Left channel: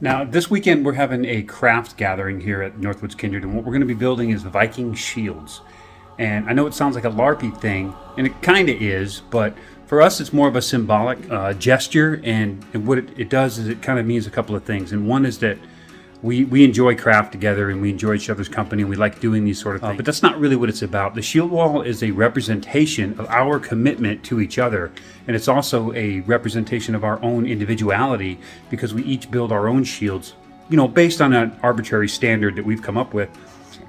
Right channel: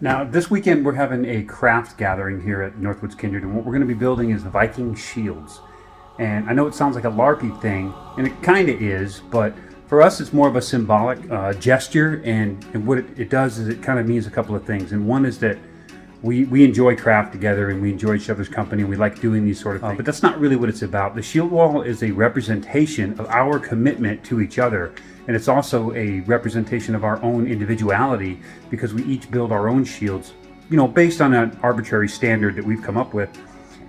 Now, this weekend we're having a craft gathering here at Northwoods Kindred, and what we're going to be building is Viking shields. And I know it sounds like a LARPy thing, and it kind of is, but for us it's more of a symbolic gesture, and what it does is it kind of means a couple of things. And one is that we enjoy craft together, and we enjoy each other's company, and we like doing these sort of things. But that's not really what it's about. The shield wall is a representation of our commitment to each other, and it's also a representation of our own individuality, because we each build our own shields, based on an arbitrary standard that we've come up with.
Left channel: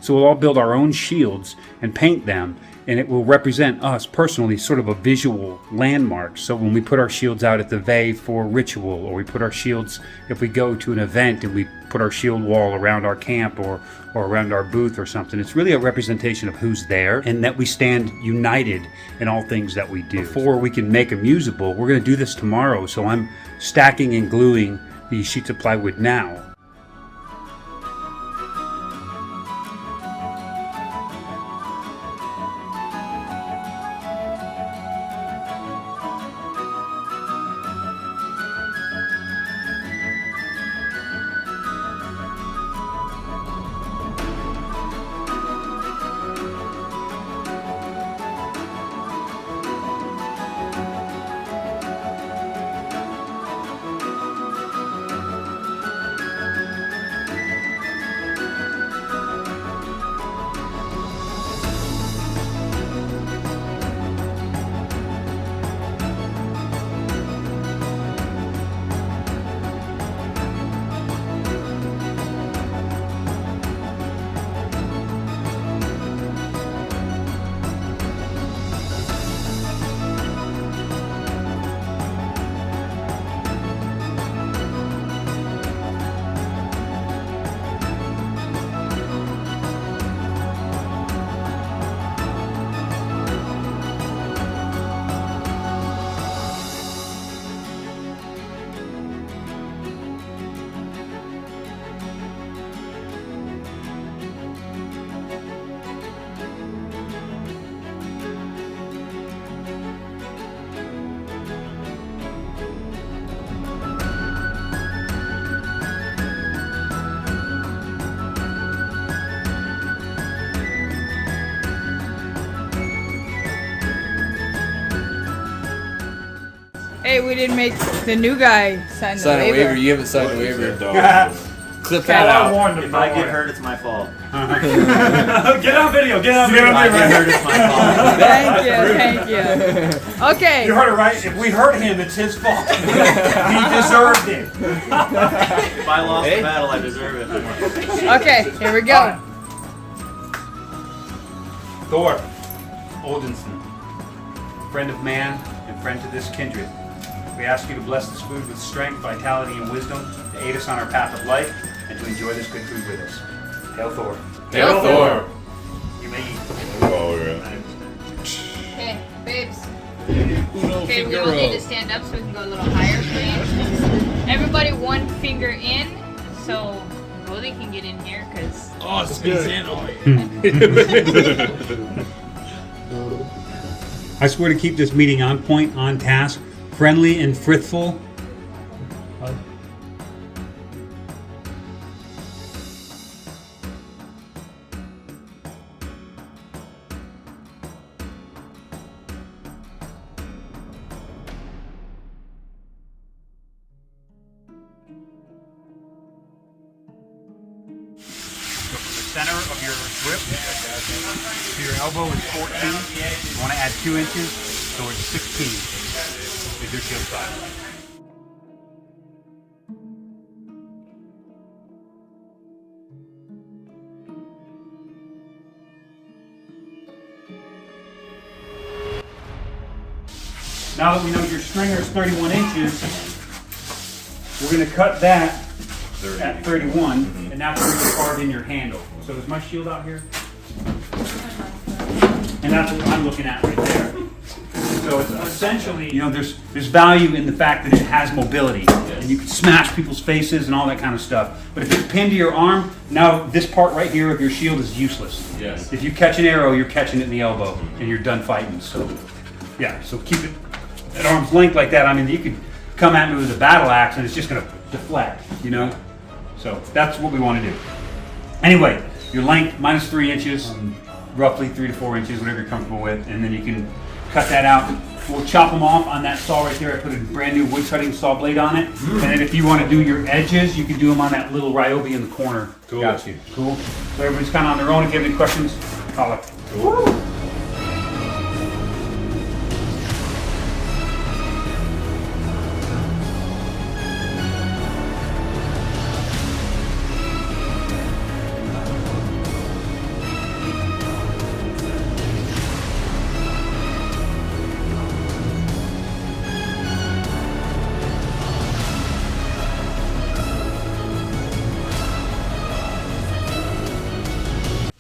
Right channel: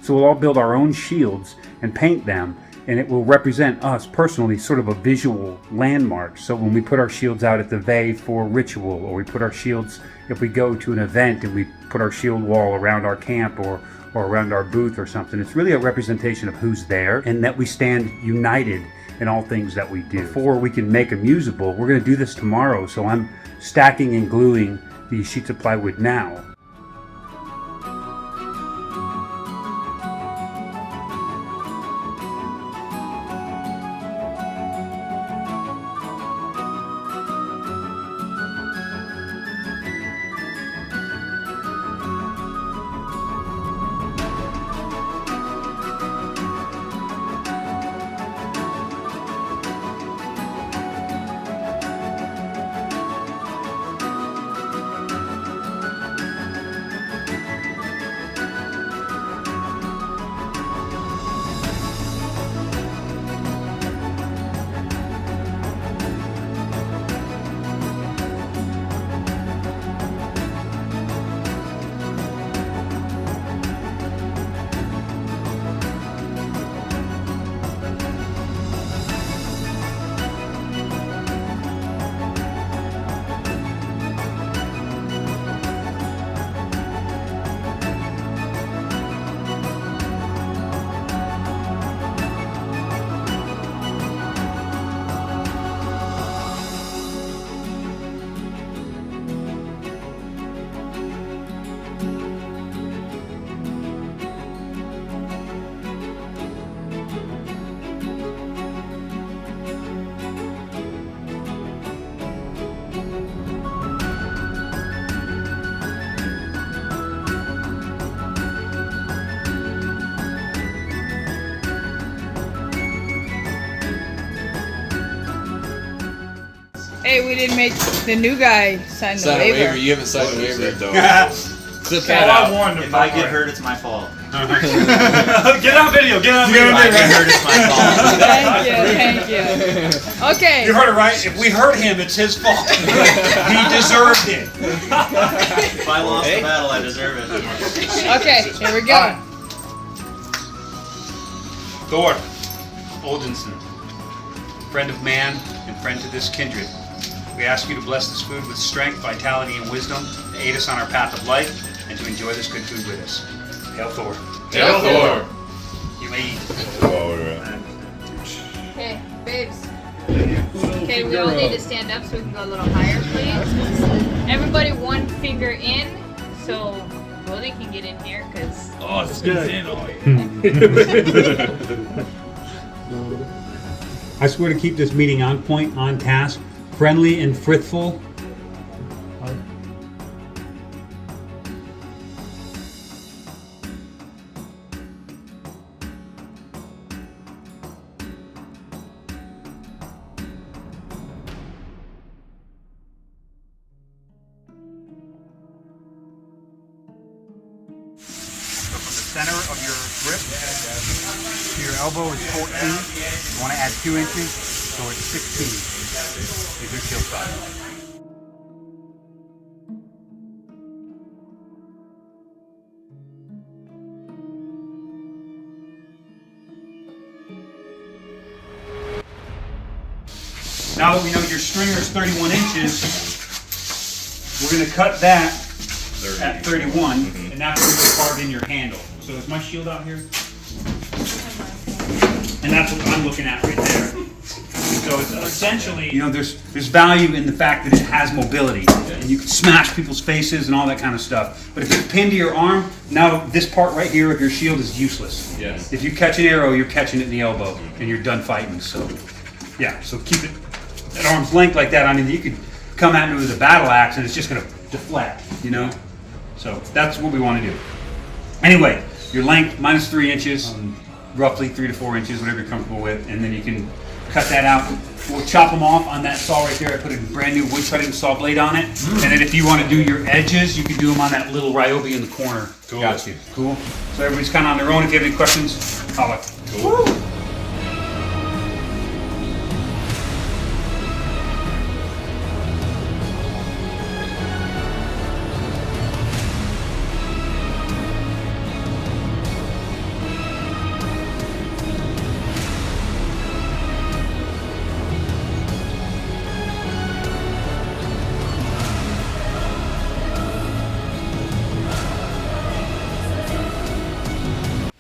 So we'll all build our own shields and paint them, and it will represent us personally, sort of a visual landmark. So when we put our shields out at the Vey for ritual, or we put our shields if we go to an event and we put our shield wall around our camp or around our booth or something, it's really a representation of who's there and that we stand united in all things that we do. Before we can make them usable, we're going to do this tomorrow, so I'm stacking and gluing these sheets of plywood now. Hey, we didn't make the new guy sign the waiver. You haven't signed the waiver. Clip Okay. that out. If I get hurt, it's my fault. Get on video, get on video. If I get hurt, it's my fault. Thank you. Okay. You heard it right. If we hurt him, it's his fault. He deserved it. If I lost the battle, I deserve it. Okay, here we go. Thor Oldenson, friend of man and friend to this kindred. We ask you to bless this food with strength, vitality, and wisdom to aid us on our path of life and to enjoy this good food with us. Hail Thor. Hail Thor. You may eat. Okay, babes. Okay, we all need to stand up so we can go a little higher, please. Everybody one finger in so Brody can get in here, because... Oh, it's in. I swear to keep this meeting on point, on task, friendly and frithful. So from the center of your grip to your elbow is 14. You want to add 2 inches, so it's 16. Is your shield size. Now that we know your stringer is 31 inches, we're going to cut that at 31, and that's where you carve in your handle. So is my shield out here? And that's what I'm looking at right there. So it's essentially, there's value in the fact that it has mobility, and you can smash people's faces and all that kind of stuff. But if it's pinned to your arm, now this part right here of your shield is useless. Yes. If you catch an arrow, you're catching it in the elbow, and you're done fighting. So, yeah, so keep it at arm's length like that. I mean, you could come at me with a battle axe, and it's just going to deflect, So that's what we want to do. Anyway, your length minus 3 inches, roughly 3 to 4 inches, whatever you're comfortable with, and then you can cut that out. We'll chop them off on that saw right there. I put a brand new wood cutting saw blade on it. And then if you want to do your edges, you can do them on that little Ryobi in the corner. Cool. Got you. Cool. So everybody's kind of on their own. If you have any questions, holler. Cool.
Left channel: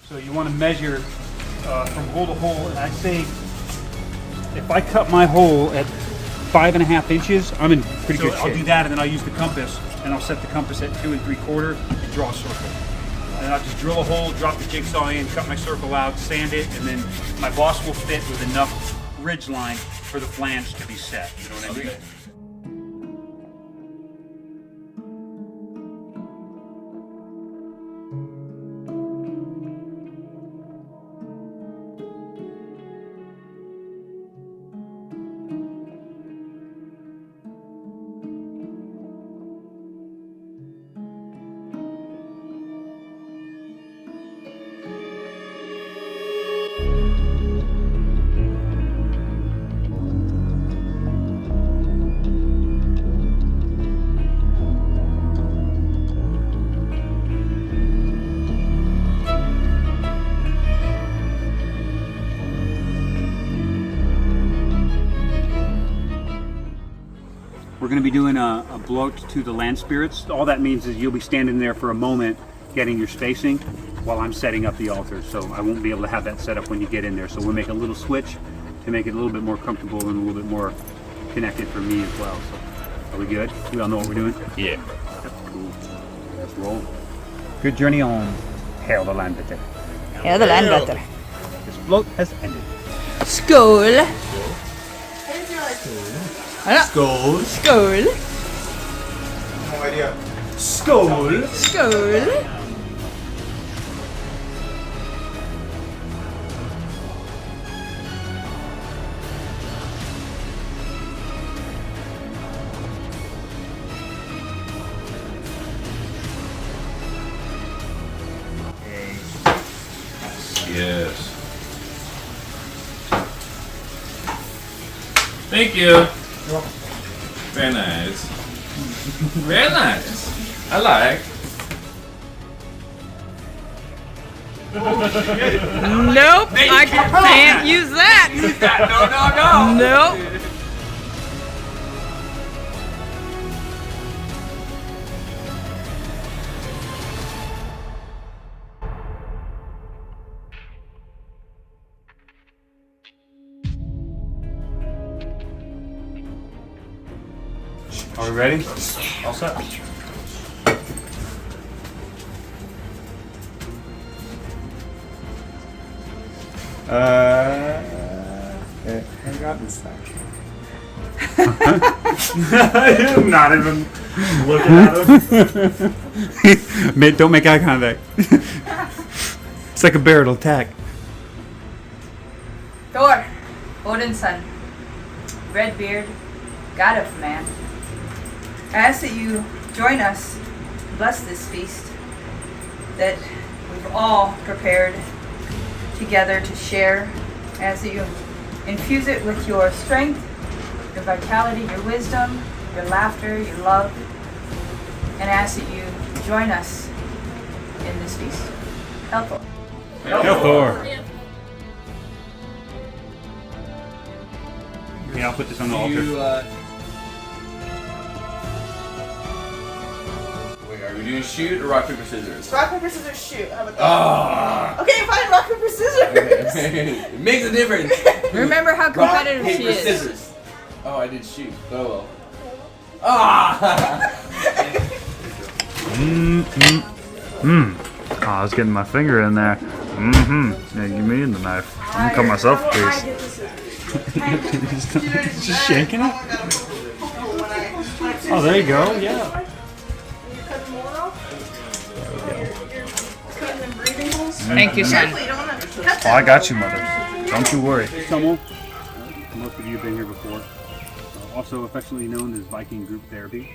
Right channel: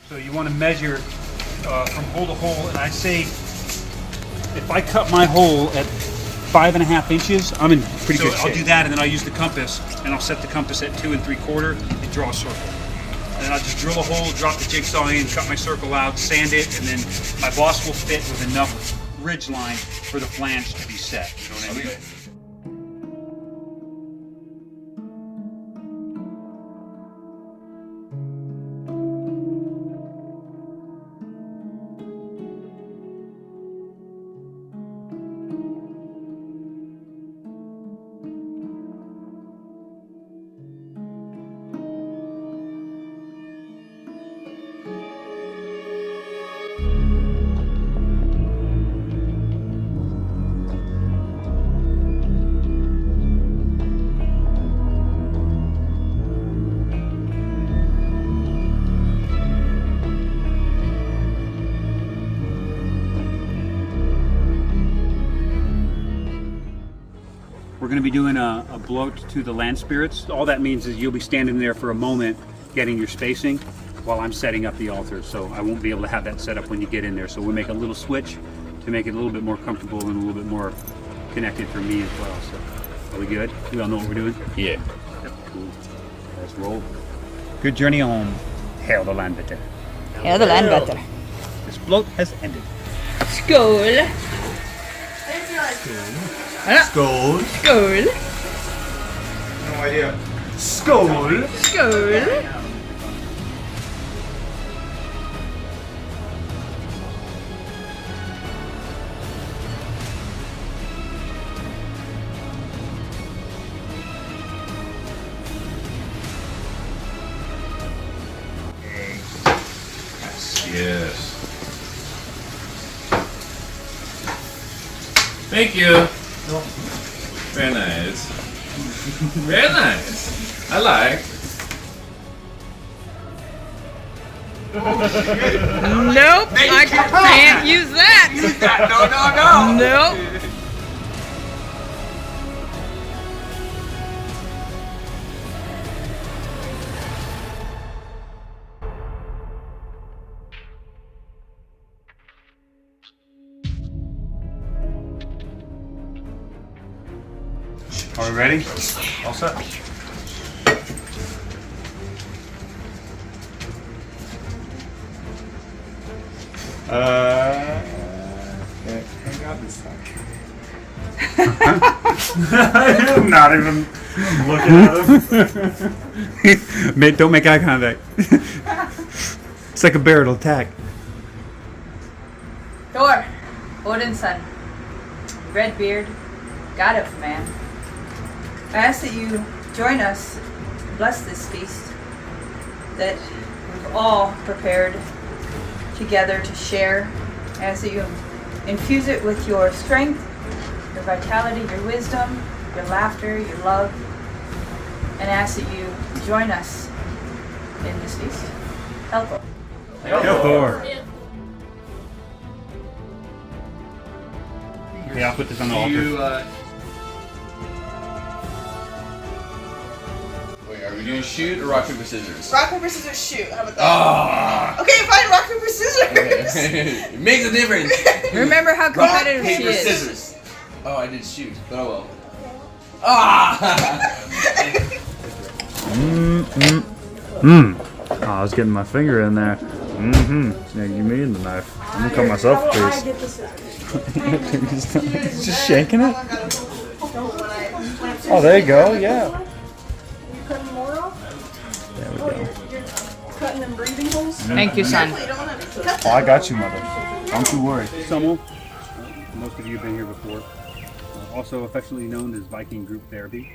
So you want to measure from hole to hole, and I say if I cut my hole at 5.5 inches, I'm in pretty good shape. So I'll do that, and then I'll use the compass, and I'll set the compass at 2 3/4 and draw a circle. And then I'll just drill a hole, drop the jigsaw in, cut my circle out, sand it, and then my boss will fit with enough ridge line for the flange to be set. You know what I mean? We're going to be doing a bloat to the land spirits. All that means is you'll be standing there for a moment getting your spacing while I'm setting up the altar. So I won't be able to have that set up when you get in there. So we'll make a little switch to make it a little bit more comfortable and a little bit more connected for me as well. So are we good? We all know what we're doing? Yeah. Cool. Let's roll. Good journey home. Hail the Landbitter. Hail the Landbitter. This bloat has ended. Skål! Gold. Skål! No idea. Skål. Skål! Yes. Thank you. Very nice. Very nice. I like. Nope, I can't use that. No. Nope. Are we ready? All set. Not even looking at him. Don't make eye contact. It's like a bear, it'll attack. Thor, Odin's son, Redbeard, god of man. I ask that you join us, bless this feast that we've all prepared together to share. I ask that you infuse it with your strength, your vitality, your wisdom, your laughter, your love, and I ask that you join us in this feast. Hail Thor. Hail Thor. Yeah, I'll put this on the altar. Wait, are we doing shoot or rock, paper, scissors? Rock, paper, scissors, shoot. How about that? Oh! Okay, fine. Rock, paper, scissors. It makes a difference. Remember how Rock, competitive paper, she is. scissors. Oh, I did shoot. Oh well. Ah! Oh, I was getting my finger in there. Yeah, give me the knife. I'm gonna cut myself, please. Just shanking it? Oh, there you go, yeah. There we go. Cutting them breathing holes. Thank you, son. You don't want to cut Oh, I got you, mother. Don't you worry. Summel, most of you have been here before, also affectionately known as Viking Group Therapy.